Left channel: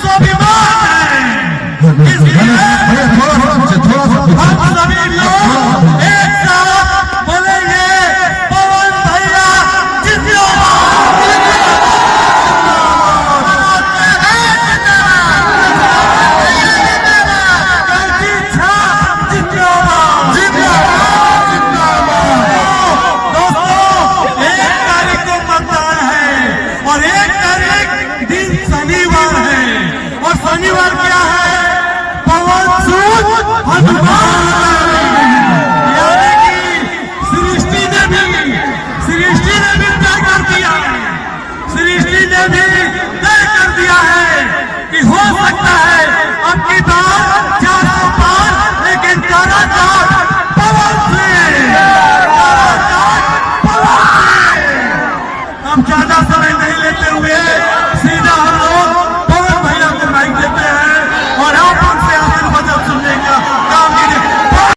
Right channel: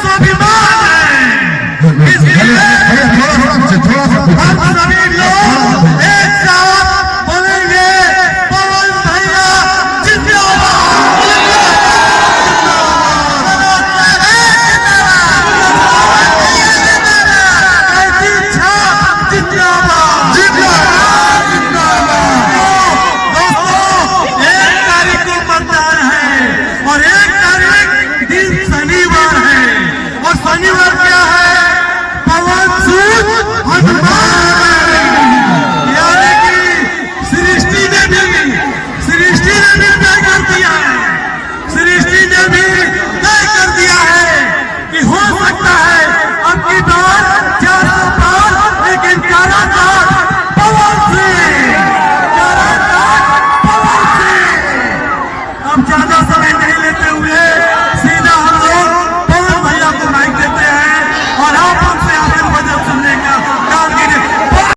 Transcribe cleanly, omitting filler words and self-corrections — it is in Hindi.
स्वाभिमान है। इसलिए हम सभी लोग एक साथ बोलेंगे, पवन भैया जिंदाबाद। शनिवार क्या है? पवन सूद यानी कि सृष्टि ने भी तय कर दिया है। सृष्टि ने भी तय कर दिया है कि हो सकता है अब की बार 400 पार, लेकिन कारागार पवन सिंह। अब ज्यादा समय नहीं लेते हुए